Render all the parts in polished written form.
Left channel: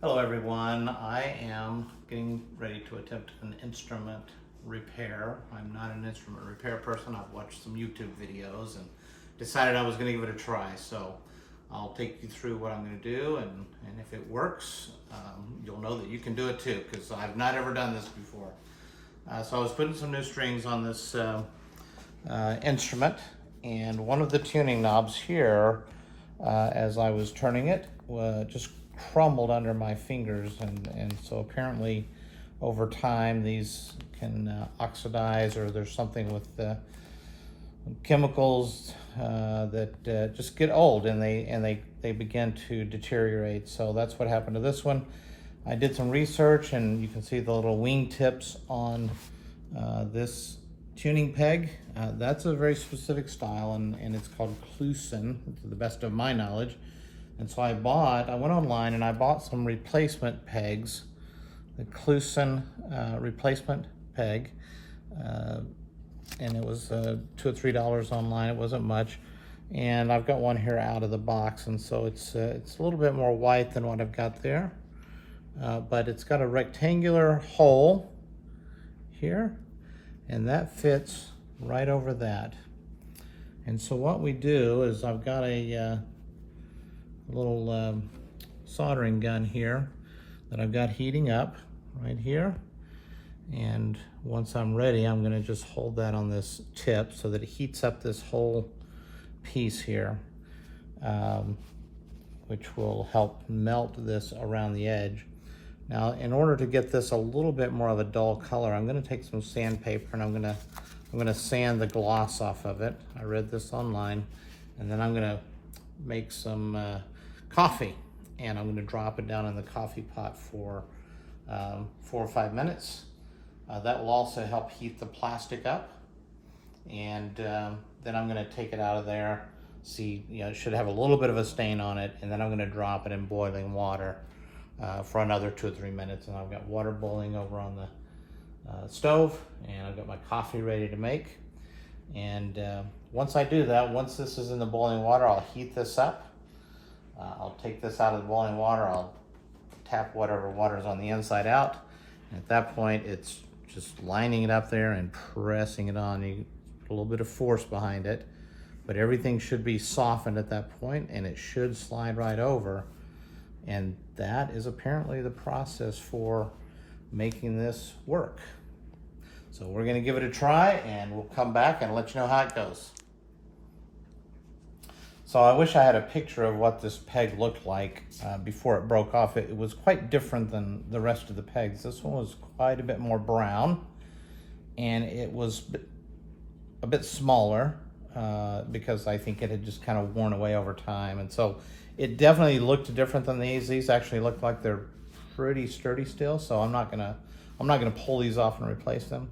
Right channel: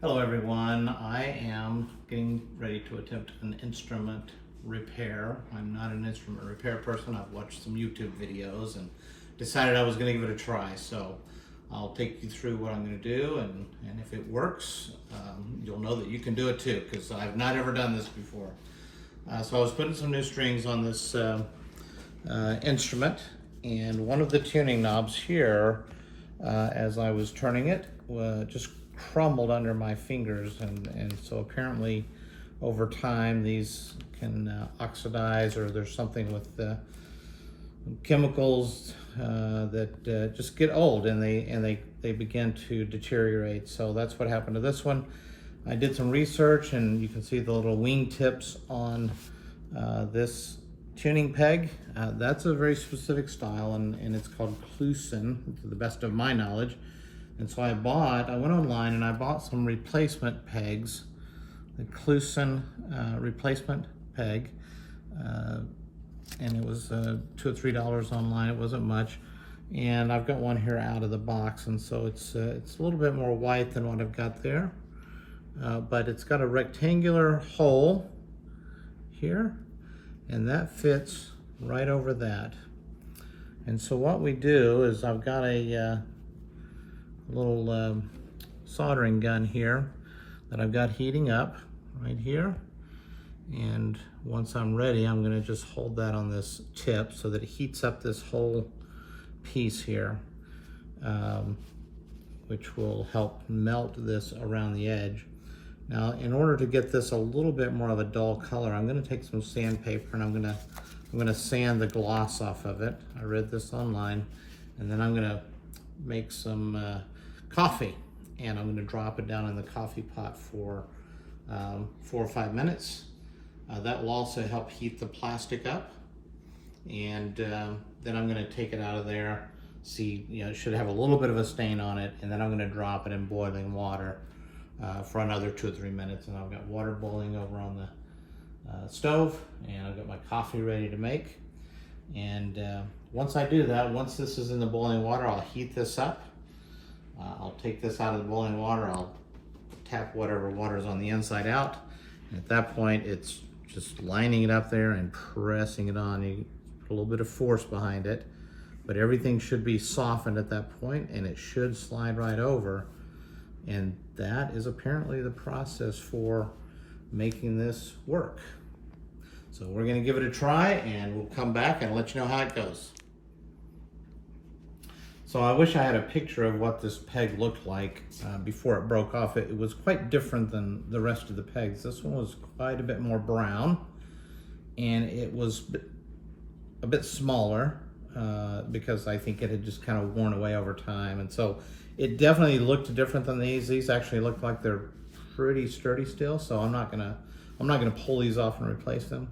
Hello everyone, I am getting ready to attempt an instrument repair. I'm not an instrument repair person. I've watched some YouTube videos and decided I was going to give it a try. So I'll take you through what I'm going to do, and if it works, you'll know that you can do it too, because I've not ever done this before. So I was putting some new strings on this instrument, and one of the tuning knobs here, as I was turning it, just crumbled under my fingers, and so apparently over time these can oxidize, or there's something with chemicals that just get old, and they begin to deteriorate. So that's what happened to this one. I did some research, and you can see the little wing tips on this tuning peg. That's a very specific style, and it's called Kluson, to the best of my knowledge. And so I went online and I bought some replacement pegs, the Kluson replacement peg, and it was $2 or $3 online. It wasn't much, and I've got one here out of the box, and so it's a little bit more white than what I've got there, but it's got a rectangular hole here, and that fits right over that. And so what we do is, I've got a little soldering gun here that I've got heating up right here, and once I'm ready, I'm going to just hold that on this tip so that it heats up this whole piece here, which will help melt this around the edge. Now, in order to get this a little bit more of a dull color, I'm going to take some sandpaper and I'm going to sand the gloss off of it. I read this online, and then I'm going to make some coffee, and I'm going to drop it down in the coffee pot for 4 or 5 minutes. That will also help heat the plastic up, and then I'm going to take it out of there. See, it should have a little bit of a stain on it, and then I'm going to drop it in boiling water for another 2 or 3 minutes. And I've got water boiling over on the stove, and I've got my coffee ready to make. And once I do that, once this is in the boiling water, I'll heat this up. I'll take this out of the boiling water. I'll tap whatever water's on the inside out. And at that point, it's just lining it up there and pressing it on. You put a little bit of force behind it, but everything should be softened at that point, and it should slide right over. And that is apparently the process for making this work. So we're going to give it a try, and we'll come back and let you know how it goes. So I wish I had a picture of what this peg looked like before it broke off. It was quite different than the rest of the pegs. This one was quite a bit more brown, and it was a bit smaller because I think it had just kind of worn away over time. And so it definitely looked different than these. These actually look like they're pretty sturdy still, so I'm not gonna pull these off and replace them.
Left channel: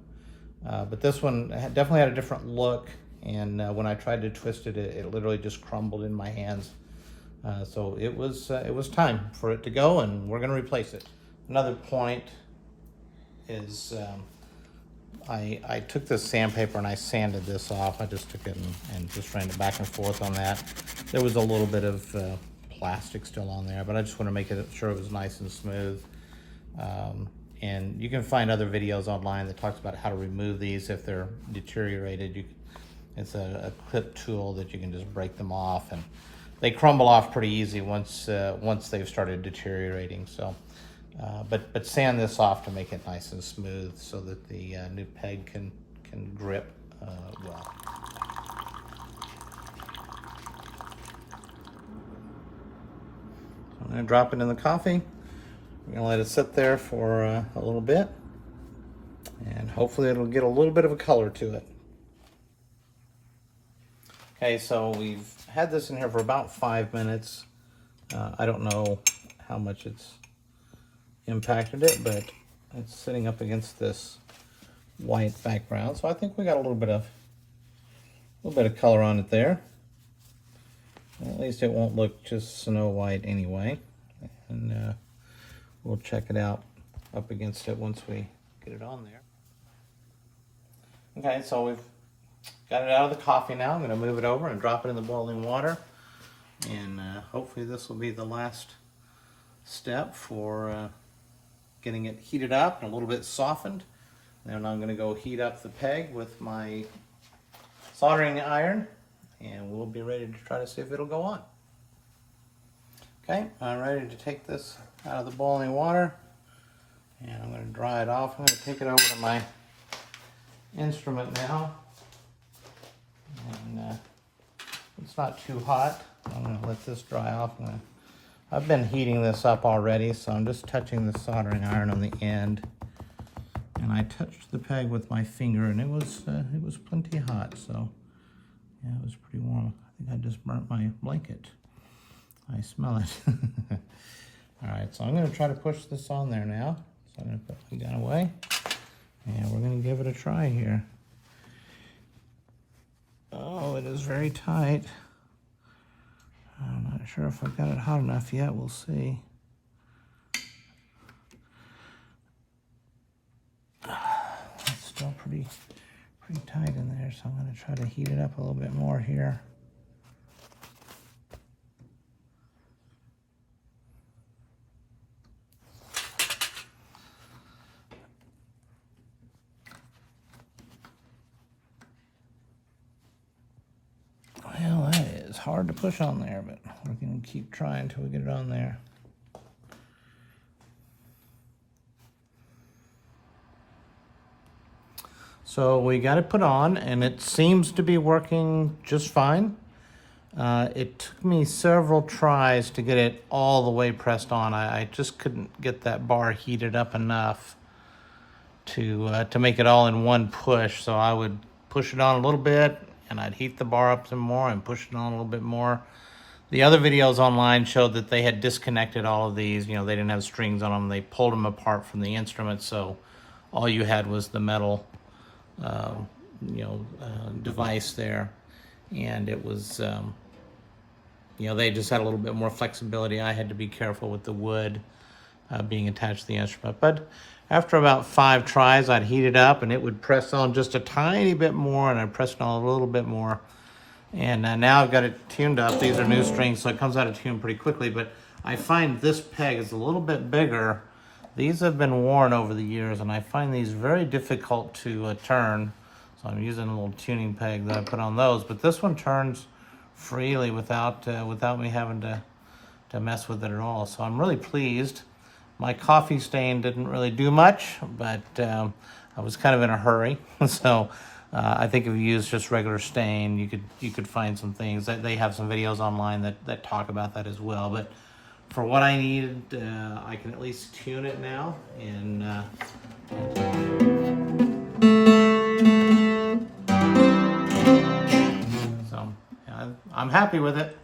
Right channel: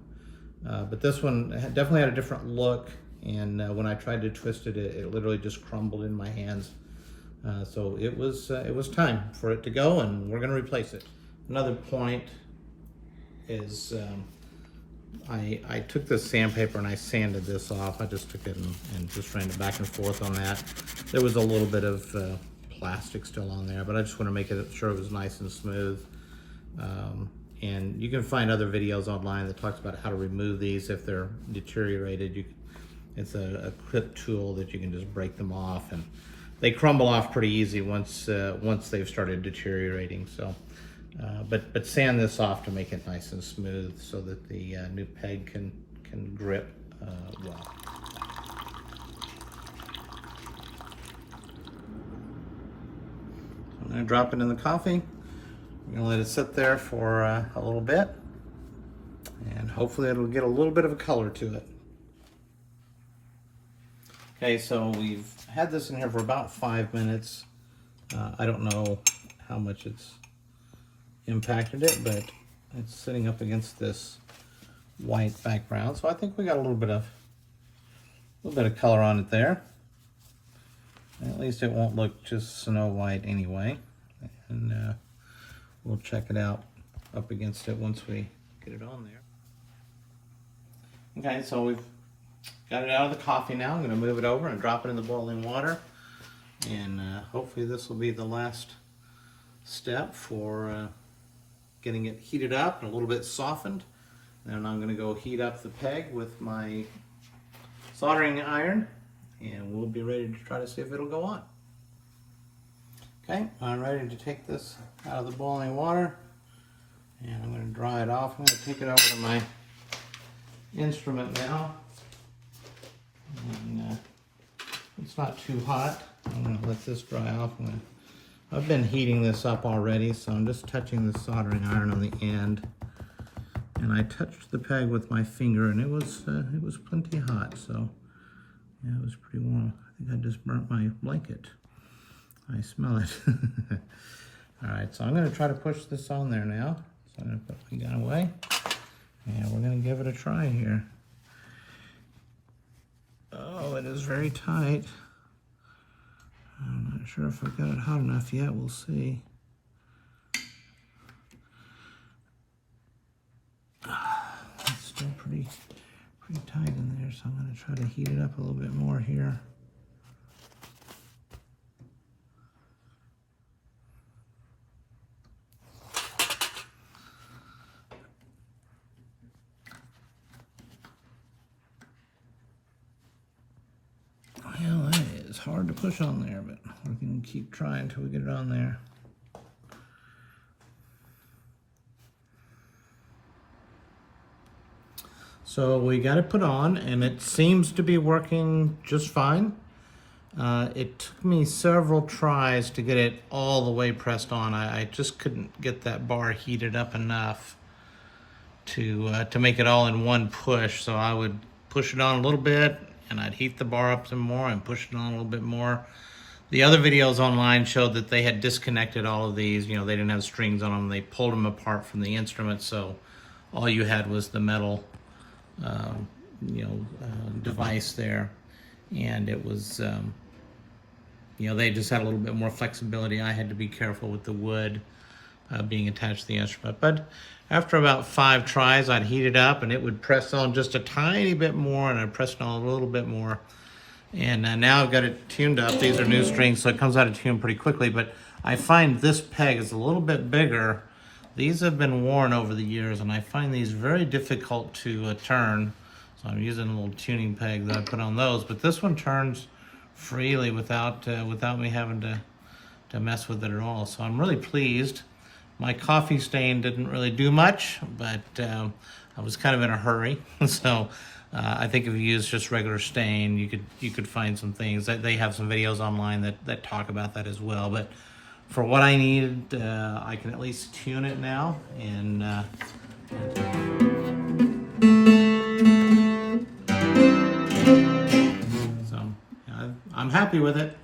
But this one definitely had a different look, and when I tried to twist it, it literally just crumbled in my hands. So it was time for it to go, and we're going to replace it. Another point is I took this sandpaper and I sanded this off. I just took it and just ran it back and forth on that. There was a little bit of plastic still on there, but I just want to make sure it was nice and smooth. And you can find other videos online that talks about how to remove these if they're deteriorated. It's a clip tool that you can just break them off, and they crumble off pretty easy once they've started deteriorating. So, but sand this off to make it nice and smooth so that the new peg can grip well. I'm going to drop it in the coffee. We're going to let it sit there for a little bit, and hopefully it'll get a little bit of a color to it. Okay, so we've had this in here for about 5 minutes. I don't know how much it's impacted it, but it's sitting up against this white background, so I think we got a little bit of color on it there. And at least it won't look just snow white anyway. And we'll check it out up against it once we get it on there. Okay, so we've got it out of the coffee now. I'm going to move it over and drop it in the boiling water. And hopefully this will be the last step for getting it heated up and a little bit softened. Then I'm going to go heat up the peg with my soldering iron, and we'll be ready to try to see if it'll go on. Okay, I'm ready to take this out of the boiling water, and I'm going to dry it off. I'm going to take it over to my instrument now, and it's not too hot. I'm going to let this dry off. I've been heating this up already, so I'm just touching the soldering iron on the end. And I touched the peg with my finger, and it was plenty hot, so yeah, it was pretty warm. I think I just burnt my blanket. I smell it. All right, so I'm going to try to push this on there now. So I'm going to put my gun away, and we're going to give it a try here. Oh, it is very tight. I'm not sure if I've got it hot enough yet. We'll see. It's still pretty tight in there, so I'm going to try to heat it up a little bit more here. Well, that is hard to push on there, but we can keep trying until we get it on there. So we got it put on, and it seems to be working just fine. It took me several tries to get it all the way pressed on. I just couldn't get that bar heated up enough to make it all in one push. So I would push it on a little bit, and I'd heat the bar up some more and push it on a little bit more. The other videos online showed that they had disconnected all of these. You know, they didn't have strings on them. They pulled them apart from the instrument, so all you had was the metal device there, and it was they just had a little bit more flexibility. I had to be careful with the wood being attached to the instrument, but after about 5 tries, I'd heat it up and it would press on just a tiny bit more, and I'd press it on a little bit more, and now I've got it tuned up. These are new strings, so it comes out of tune pretty quickly, but I find this peg is a little bit bigger. These have been worn over the years, and I find these very difficult to turn. So I'm using a little tuning peg that I put on those, but this one turns freely without me having to mess with it at all. So I'm really pleased. My coffee stain didn't really do much, but I was kind of in a hurry. So I think if you use just regular stain, you could find some things. They have some videos online that talk about that as well. But for what I needed, I can at least tune it now, and so I'm happy with it.